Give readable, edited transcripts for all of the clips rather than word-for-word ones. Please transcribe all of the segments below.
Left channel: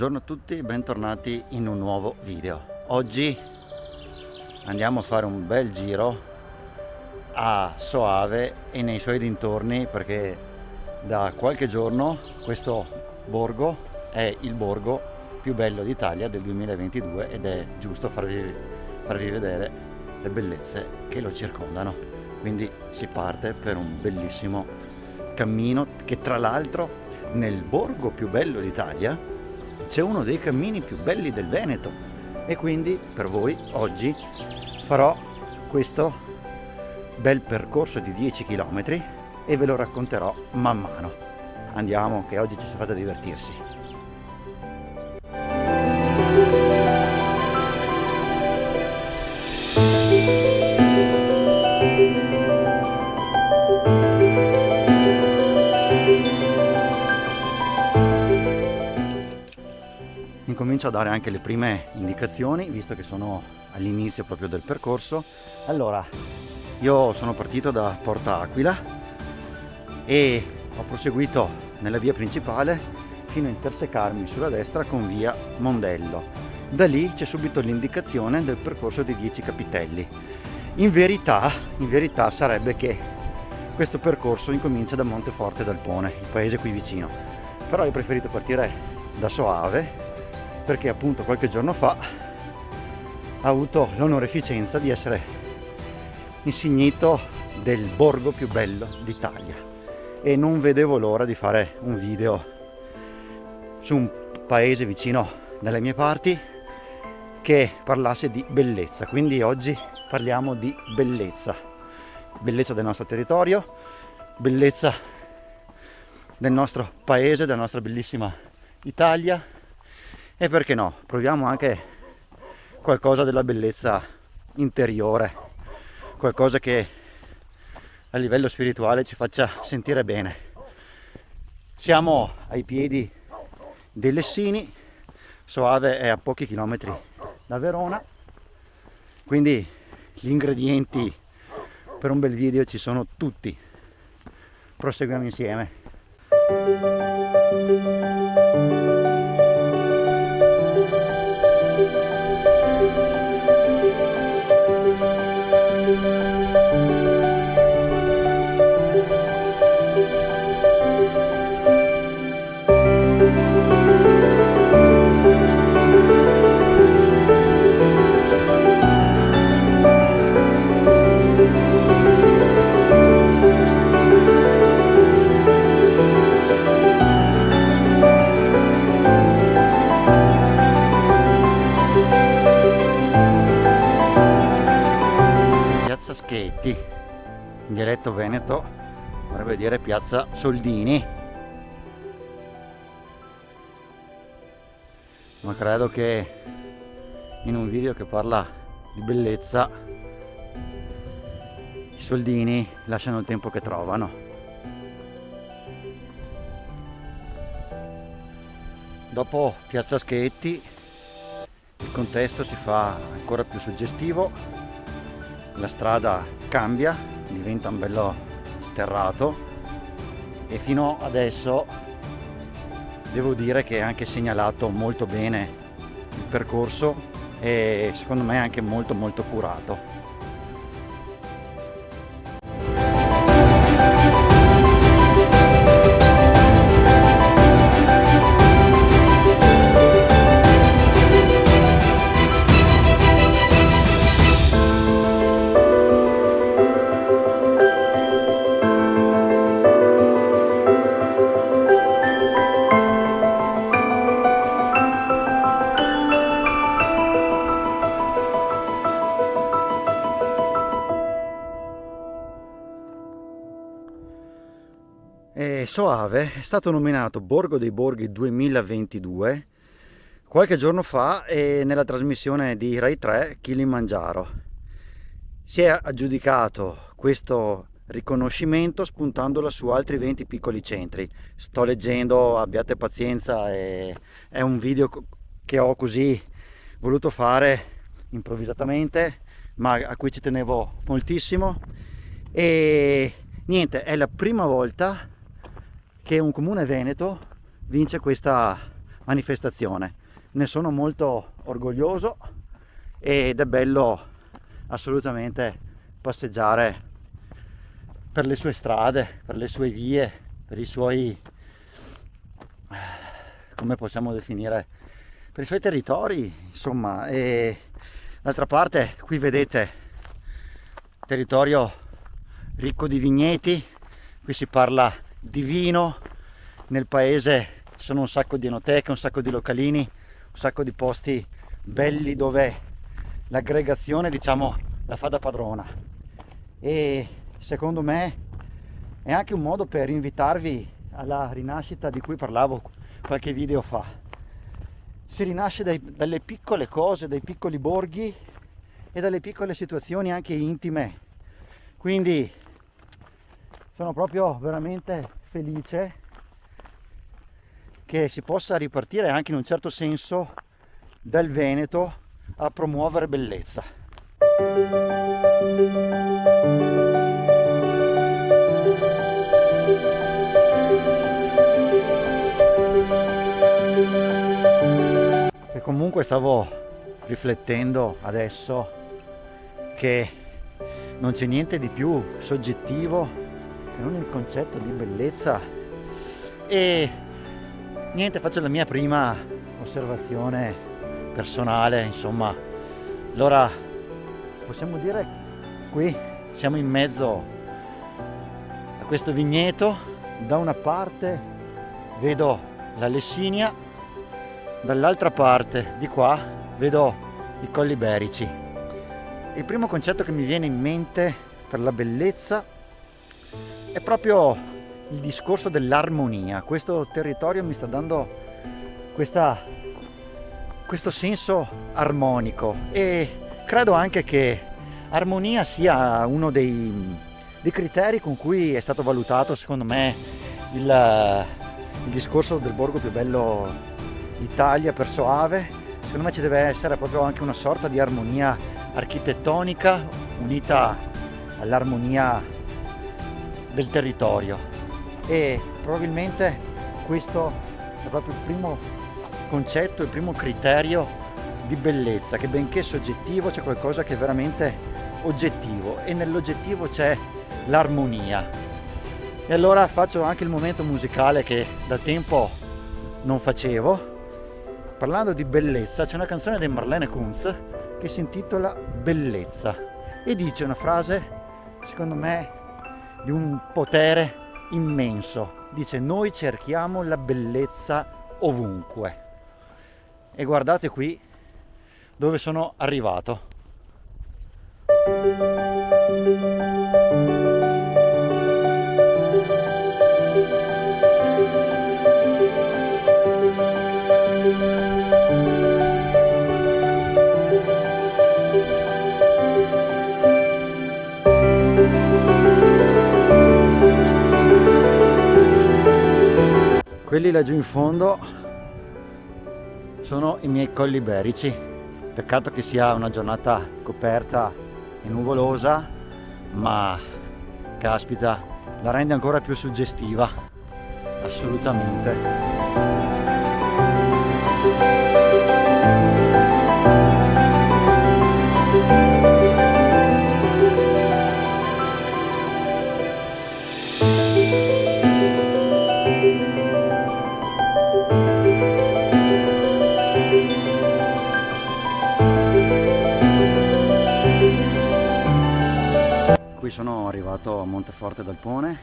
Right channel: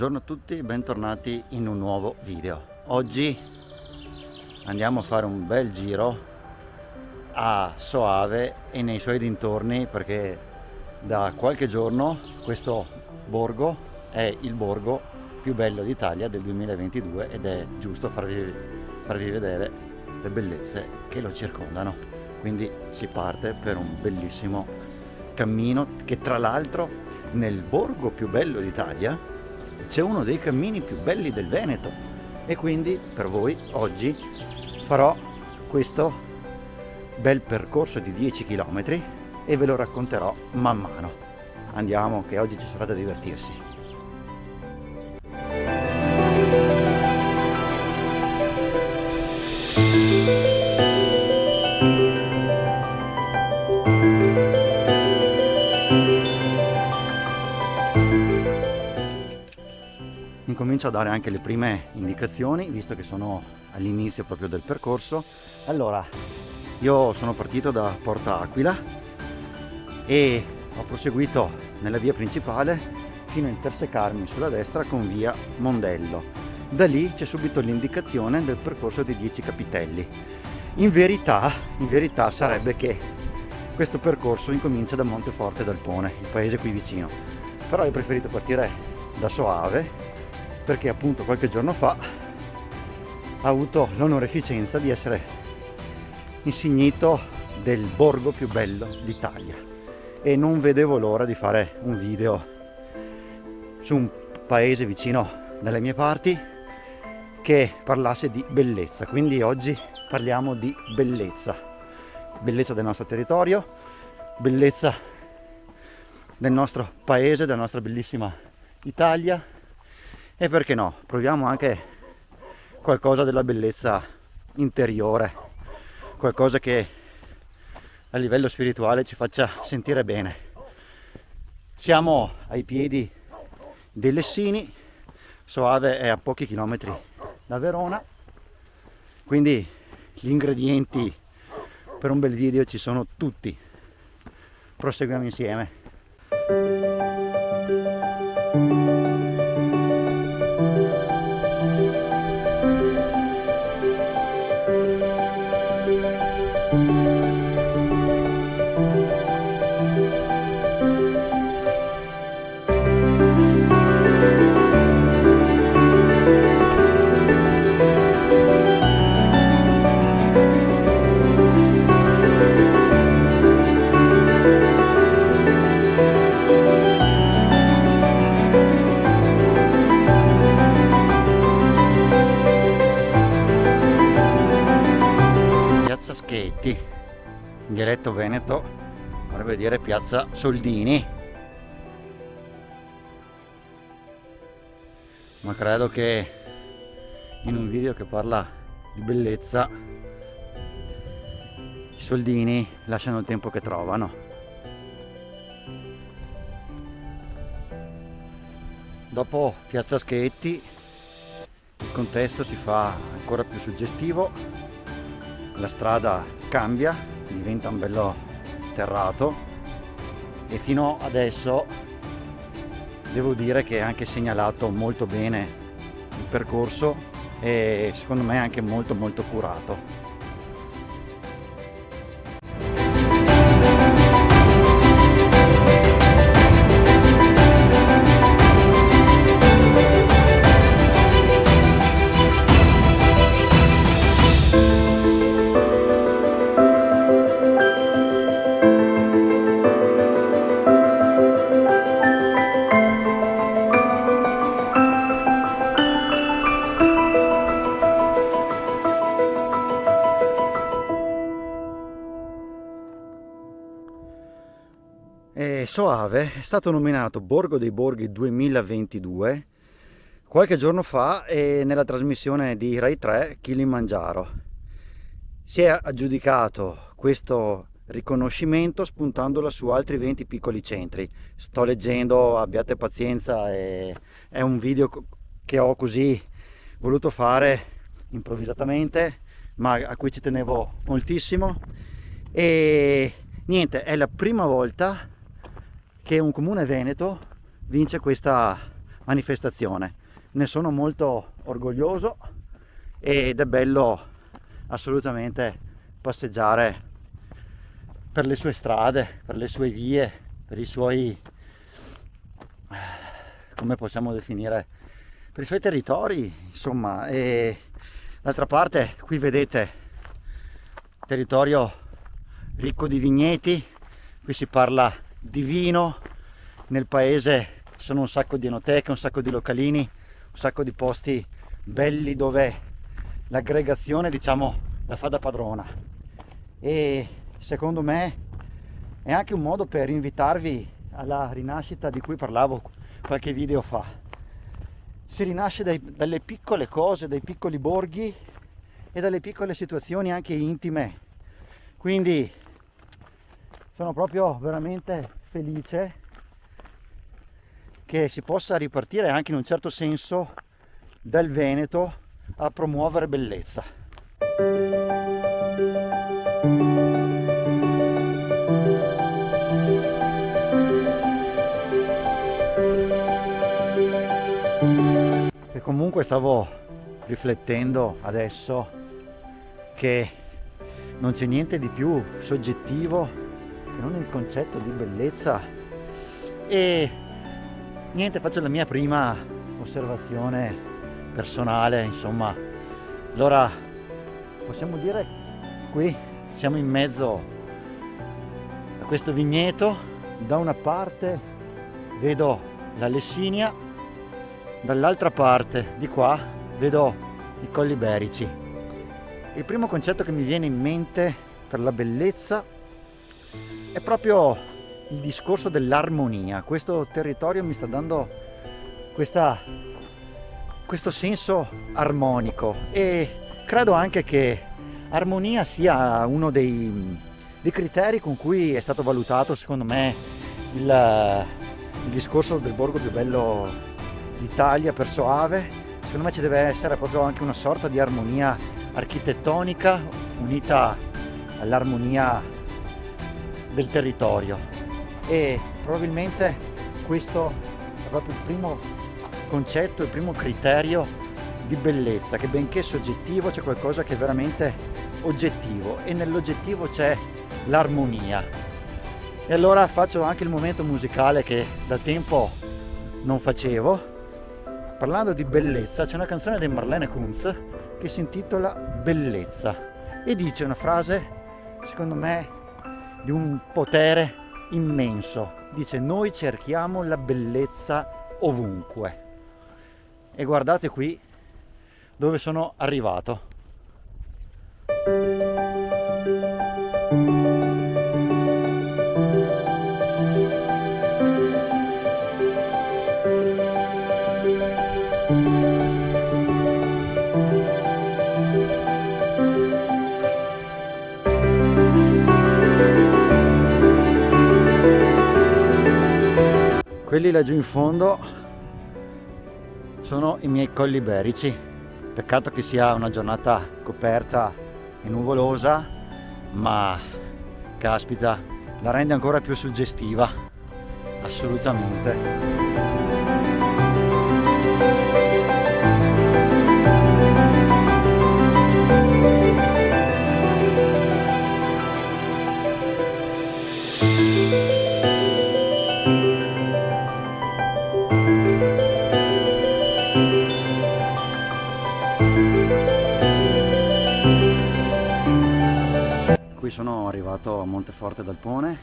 Buongiorno a tutti, bentornati in un nuovo video. Oggi andiamo a fare un bel giro a Soave e nei suoi dintorni, perché da qualche giorno questo borgo è il borgo più bello d'Italia del 2022 ed è giusto farvi vedere le bellezze che lo circondano. Quindi si parte per un bellissimo cammino che, tra l'altro, nel borgo più bello d'Italia c'è uno dei cammini più belli del Veneto, e quindi per voi oggi farò questo bel percorso di 10 km e ve lo racconterò man mano. Andiamo, che oggi ci sarà da divertirsi. Incomincio a dare anche le prime indicazioni, visto che sono all'inizio proprio del percorso. Allora, io sono partito da Porta Aquila e ho proseguito nella via principale fino a intersecarmi sulla destra con via Mondello. Da lì c'è subito l'indicazione del percorso dei 10 capitelli. In verità sarebbe che questo percorso incomincia da Monteforte d'Alpone, il paese qui vicino. Però ho preferito partire da Soave, perché appunto qualche giorno fa ha avuto l'onoreficenza di essere insignito del borgo più bello d'Italia e non vedevo l'ora di fare un video su un paese vicino dalle mie parti che parlasse di bellezza. Quindi oggi parliamo di bellezza del nostro territorio, bellezza del nostro paese, della nostra bellissima Italia. E perché no, proviamo anche qualcosa della bellezza interiore, qualcosa che a livello spirituale ci faccia sentire bene. Siamo ai piedi dei Lessini, Soave è a pochi chilometri da Verona, quindi gli ingredienti per un bel video ci sono tutti. Proseguiamo insieme. Piazza Schetti, in dialetto veneto vorrebbe dire Piazza Soldini, ma credo che in un video che parla di bellezza i soldini lasciano il tempo che trovano. Dopo Piazza Schetti il contesto si fa ancora più suggestivo. La strada cambia, diventa un bello sterrato e fino adesso devo dire che è anche segnalato molto bene il percorso e secondo me anche molto curato. Soave è stato nominato Borgo dei Borghi 2022 qualche giorno fa nella trasmissione di Rai 3 Kilimangiaro. Si è aggiudicato questo riconoscimento spuntandola su altri 20 piccoli centri. Sto leggendo, abbiate pazienza, è un video che ho così voluto fare improvvisatamente, ma a cui ci tenevo moltissimo. E niente, è la prima volta che un comune veneto vince questa manifestazione. Ne sono molto orgoglioso ed è bello assolutamente passeggiare per le sue strade, per le sue vie, per i suoi, come possiamo definire, per i suoi territori, insomma. E d'altra parte qui vedete territorio ricco di vigneti, qui si parla di vino, nel paese ci sono un sacco di enoteche, un sacco di localini, un sacco di posti belli dove l'aggregazione, diciamo, la fa da padrona. E secondo me è anche un modo per invitarvi alla rinascita di cui parlavo qualche video fa. Si rinasce dalle piccole cose, dai piccoli borghi e dalle piccole situazioni anche intime. Quindi sono proprio veramente felice che si possa ripartire anche in un certo senso dal Veneto a promuovere bellezza. E comunque stavo riflettendo adesso che non c'è niente di più soggettivo che non il concetto di bellezza. E niente, faccio la mia prima osservazione personale, insomma. Allora possiamo dire, qui siamo in mezzo a questo vigneto, da una parte vedo la Lessinia, dall'altra parte di qua vedo i Colli Iberici. Il primo concetto che mi viene in mente per la bellezza è proprio il discorso dell'armonia. Questo territorio mi sta dando questo senso armonico, e credo anche che armonia sia uno dei criteri con cui è stato valutato, secondo me, il discorso del borgo più bello d'Italia per Soave. Secondo me ci deve essere proprio anche una sorta di armonia architettonica unita all'armonia del territorio, e probabilmente questo è proprio il primo concetto, il primo criterio di bellezza, che benché soggettivo c'è qualcosa che è veramente oggettivo, e nell'oggettivo c'è l'armonia. E allora faccio anche il momento musicale che da tempo non facevo. Parlando di bellezza, c'è una canzone di Marlene Kunz che si intitola Bellezza e dice una frase, secondo me, di un potere immenso. Dice: noi cerchiamo la bellezza ovunque. E guardate qui dove sono arrivato. Quelli laggiù in fondo sono i miei Colli Iberici. Peccato che sia una giornata coperta e nuvolosa, ma caspita, la rende ancora più suggestiva, assolutamente. Qui sono arrivato a Monteforte d'Alpone.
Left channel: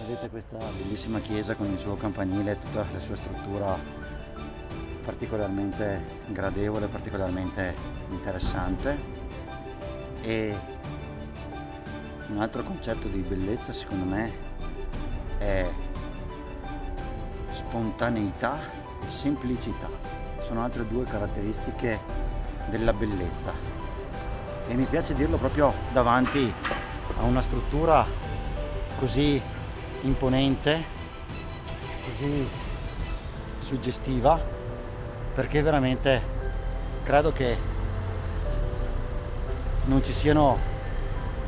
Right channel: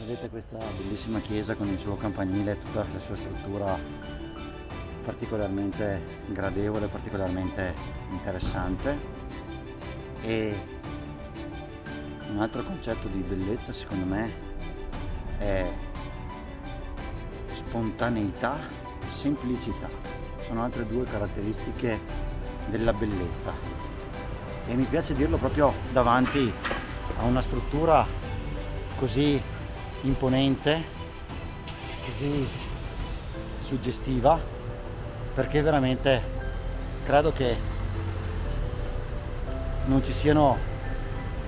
Vedete questa bellissima chiesa con il suo campanile e tutta la sua struttura particolarmente gradevole, particolarmente interessante. E un altro concetto di bellezza, secondo me, è spontaneità e semplicità. Sono altre due caratteristiche della bellezza. E mi piace dirlo proprio davanti a una struttura così imponente, così suggestiva, perché veramente credo che non ci siano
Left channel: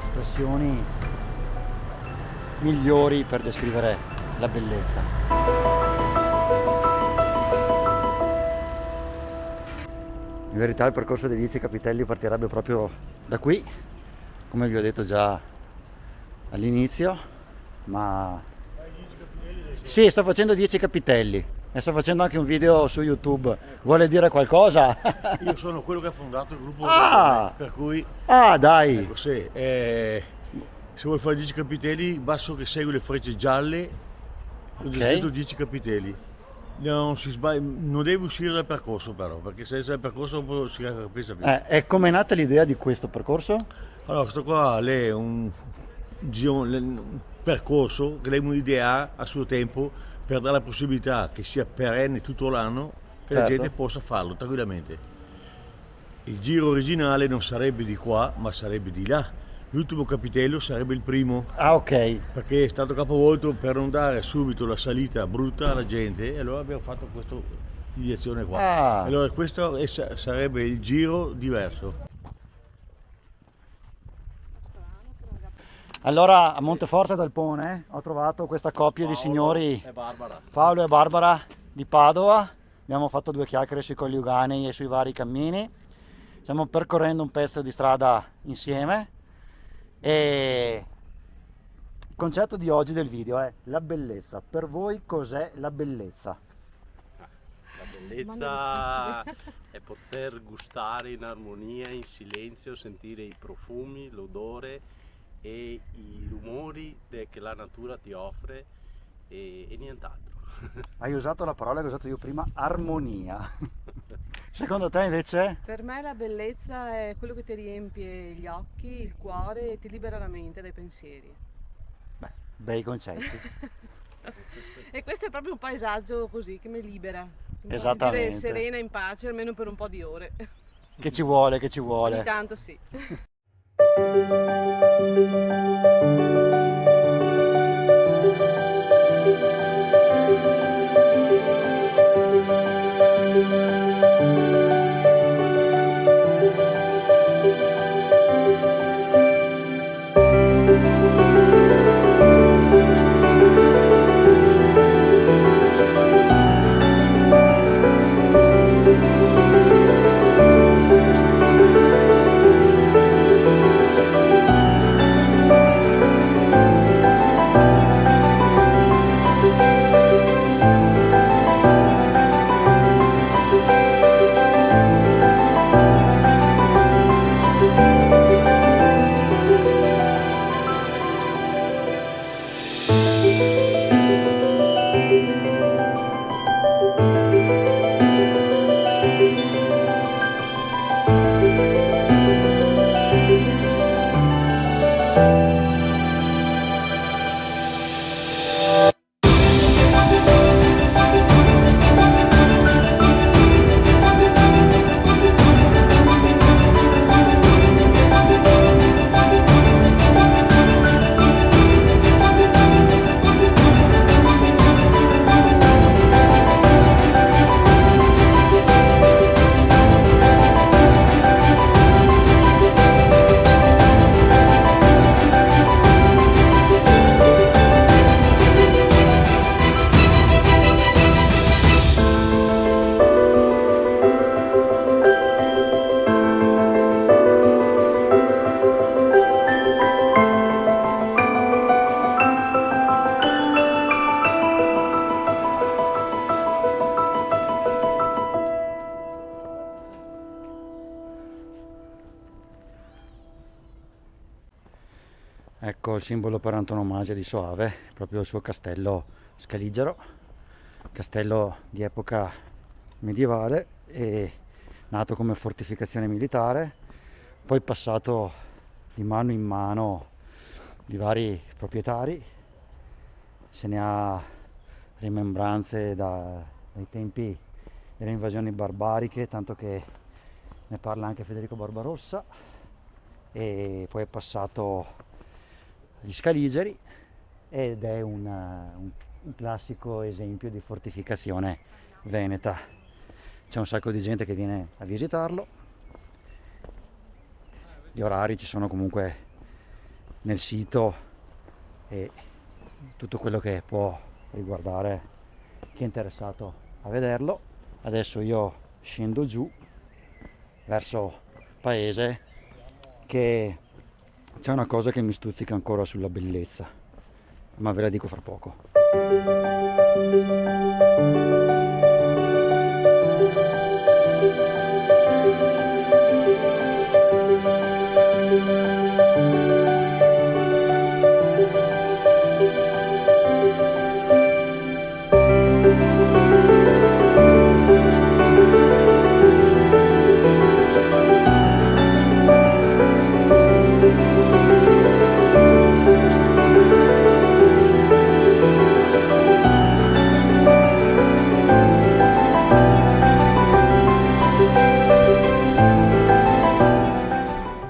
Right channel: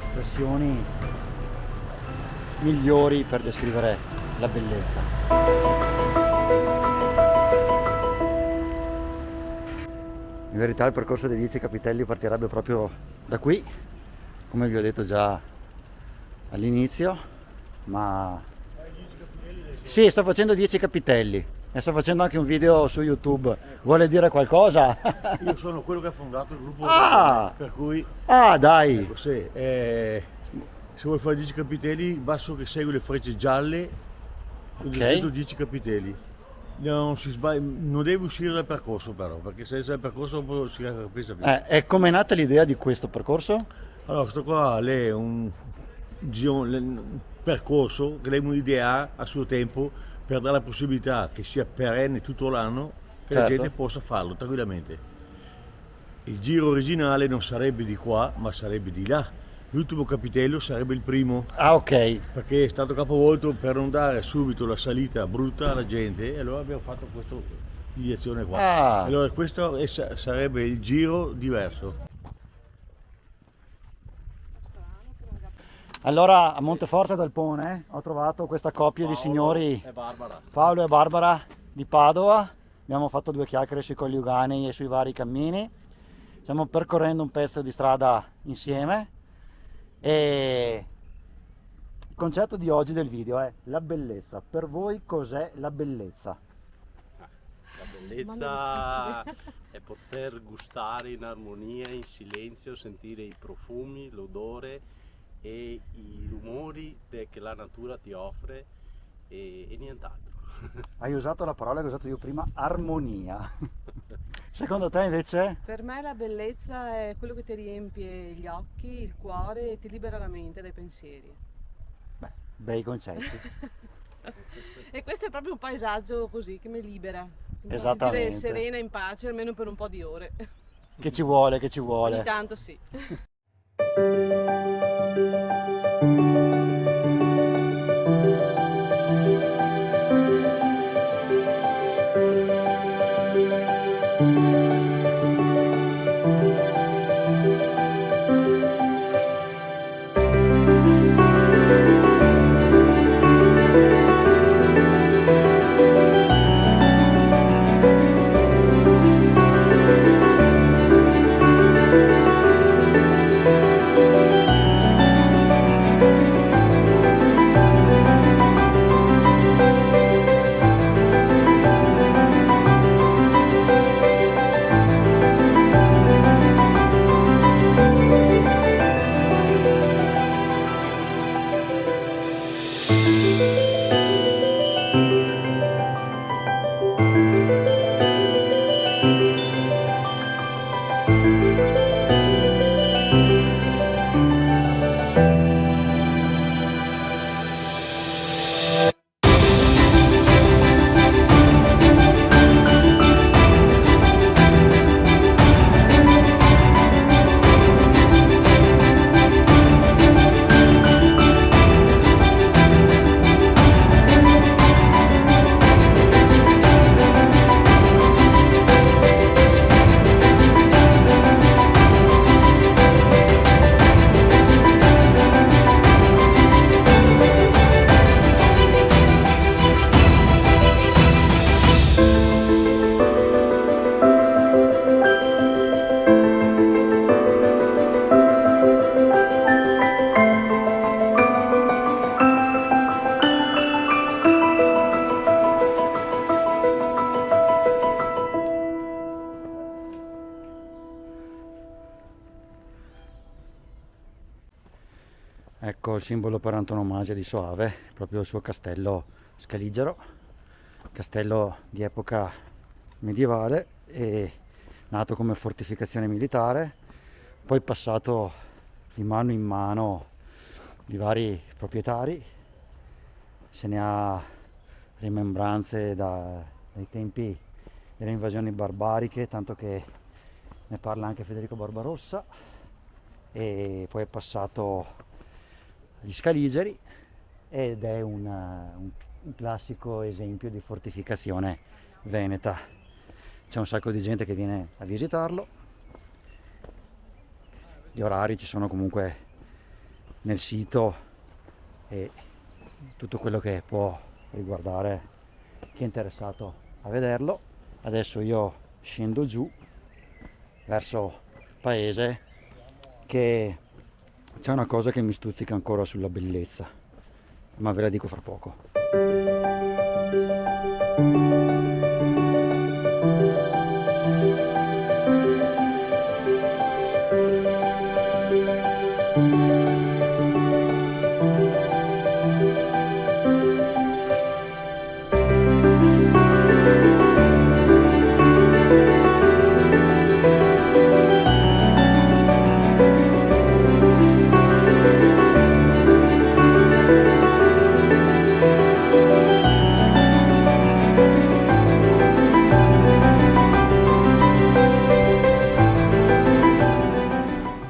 espressioni migliori per descrivere la bellezza. In verità il percorso dei 10 capitelli partirebbe proprio da qui, come vi ho detto già all'inizio, ma sì, sto facendo 10 capitelli e sto facendo anche un video su YouTube. Vuole dire qualcosa? Io sono quello che ha fondato il gruppo, per cui Dai! ecco, se vuoi fare 10 capitelli basta che segui le frecce gialle, ho detto 10 capitelli. Non si sbaglia, non devi uscire dal percorso però, perché se sei dal percorso dopo si capisce più. E com'è nata l'idea di questo percorso? Allora, questo qua lei è un percorso che lei un'idea a suo tempo per dare la possibilità che sia perenne tutto l'anno, che la gente possa farlo tranquillamente. Il giro originale non sarebbe di qua, ma sarebbe di là. L'ultimo capitello sarebbe il primo. Ah, ok. Perché è stato capovolto per non dare subito la salita brutta alla gente, e allora abbiamo fatto questa direzione qua. Allora questo sarebbe il giro diverso. Allora a Monteforte del Pone ho trovato questa coppia di signori, Paolo e Barbara di Padova. Abbiamo fatto 2 chiacchiere sui coniuganei e sui vari cammini. Stiamo percorrendo un pezzo di strada insieme e il concetto di oggi del video è la bellezza. Per voi cos'è la bellezza? La bellezza è poter gustare in armonia, in silenzio, sentire i profumi, l'odore e i rumori che la natura ti offre e nient'altro. Hai usato la parola che ho usato io prima, armonia. Secondo te invece? Per me la bellezza è quello che ti riempie gli occhi, il cuore e ti libera la mente dai pensieri. Beh, bei concetti. E questo è proprio un paesaggio così che mi libera. Mi fa Esattamente. sentire serena, in pace, almeno per un po' di ore. Che ci vuole, che ci vuole. Ogni tanto sì. Ecco il simbolo per antonomasia di Soave, proprio il suo castello scaligero, castello di epoca medievale e nato come fortificazione militare, poi passato di mano in mano di vari proprietari, se ne ha rimembranze dai tempi delle invasioni barbariche, tanto che ne parla anche Federico Barbarossa, e poi è passato agli Scaligeri ed è un classico esempio di fortificazione veneta. C'è un sacco di gente che viene a visitarlo, gli orari ci sono comunque nel sito e tutto quello che può riguardare chi è interessato a vederlo. Adesso io scendo giù verso paese, che c'è una cosa che mi stuzzica ancora sulla bellezza, ma ve la dico fra poco.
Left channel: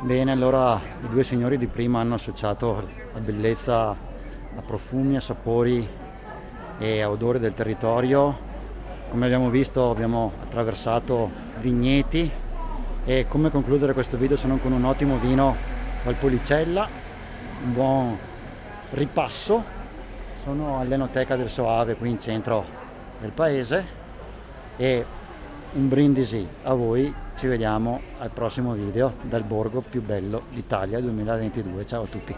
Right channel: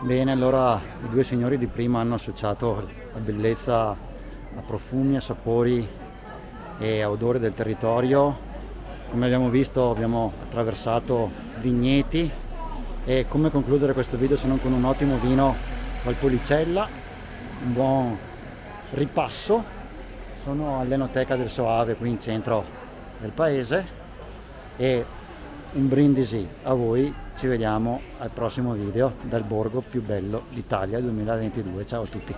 Bene, allora i due signori di prima hanno associato la bellezza a profumi, a sapori e a odori del territorio. Come abbiamo visto, abbiamo attraversato vigneti, e come concludere questo video se non con un ottimo vino Valpolicella, un buon ripasso. Sono all'Enoteca del Soave qui in centro del paese, e un brindisi a voi. Ci vediamo al prossimo video dal borgo più bello d'Italia 2022. Ciao a tutti.